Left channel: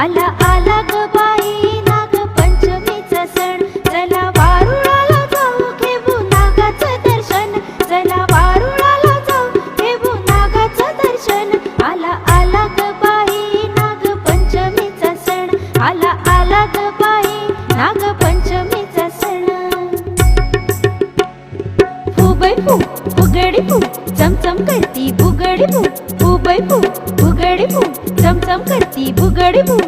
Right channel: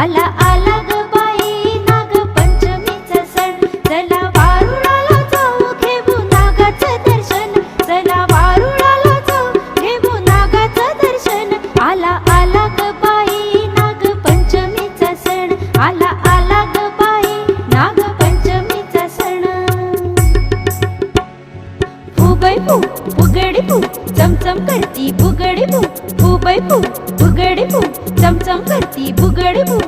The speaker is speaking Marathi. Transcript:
आला आला ग बाई नागपंचमीचा सण, चला वारुळाला जाऊ घेऊ नागाचं दर्शन, चला वारुळाला जाऊ घेऊ नागाचं दर्शन. आला आला ग बाई नागपंचमीचा सण, आला आला ग बाई नागपंचमीचा सण. फुगडी फू फुगडी फू चमचम करती फुगडी फू, फुगडी फू फुगडी फू चमचम करती फुगडी फू.